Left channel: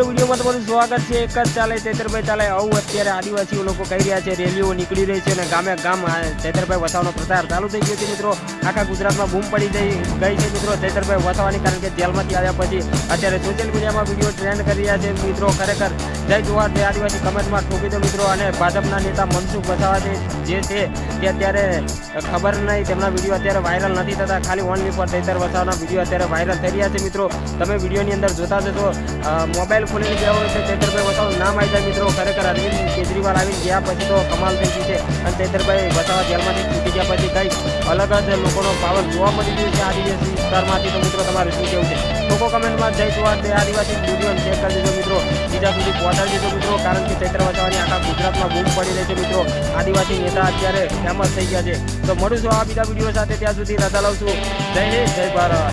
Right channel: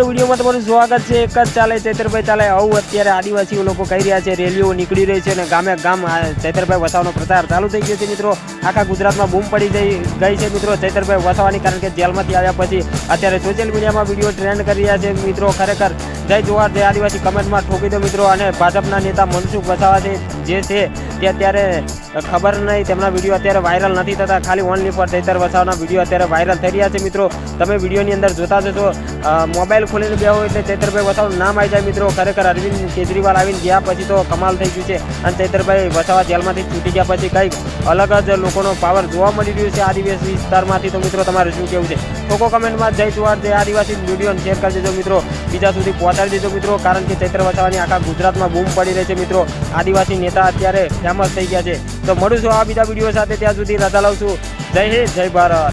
મિત્રો વિડીયોમાં તમારું સ્વાગત છે। એક જ ચાલે ચૈતરભાઈ ચાલે આવું અત્યારે આદિવાસીઓ લોકો કહી રહ્યા છે। રેલીઓ નીકળી રહી છે અને ગામે ગામ ચૈતરભાઈ વસાવાનો પ્રચાર ચાલુ થઈ ગયો છે। મિત્રો આખા ગુજરાતમાં બૂમ પડી ગઈ છે મિત્રો ચૈતરભાઈ વસાવાની, કારણ કે જેલમાંથી આવ્યા પછી અત્યારે સોશિયલ મીડિયામાં વિડીયો ટ્રેન્ડ કરી રહ્યા છે। મિત્રો ખરેખર જય જોહાર જય આદિવાસી કમેન્ટમાં ઠોકી દો મિત્રો। અને ભાજપના નેતા મનસુખ વસાવા જે છે તે અત્યારે ખબર નહીં, તેમના વિડીયો અત્યારે વાયરલ નથી થતા, ખાલી ઓનલી ફોર ચૈતર વસાવાના વિડીયો અત્યારે વાયરલ થઈ રહ્યા છે। મિત્રો તમે વિડીયોની અંદર જોતા જશો, મોબાઈલ ખોલીને બેહો એટલે ચૈતરભાઈ વસાવાનું નામ આવી જાય। મિત્રો ખરેખર અરવિંદ કેજરીવાલ આવીને ગયા પછી તો કમાલ થઈ ગઈ છે અને ચૈતરભાઈ વસાવા જેલમાંથી છૂટી ગયા પછી કંઈક અલગ જ લોકોનો પાવર જોવા મળી રહ્યો છે આદિવાસી વિસ્તારમાંથી। તો મિત્રો તમારે શું કહેવું છે? લોકો કમેન્ટમાં જય જોહાર જય આદિવાસી વિડીયોને શેર કરી દેજો મિત્રો, બીજા સુધી પહોંચાડી દેજો મિત્રો, કારણ કે ચૈતર વસાવાની આખા ગુજરાતમાં બૂમ પડી રહી છે। મિત્રો આદિવાસી નેતા અત્યારે ફેમસ થઈ ગયા છે। તો મળું છું આ બીજા વિડીયો સાથે, ત્યાં સુધી રજા લઉં છું। જય હિન્દ જય ભારત।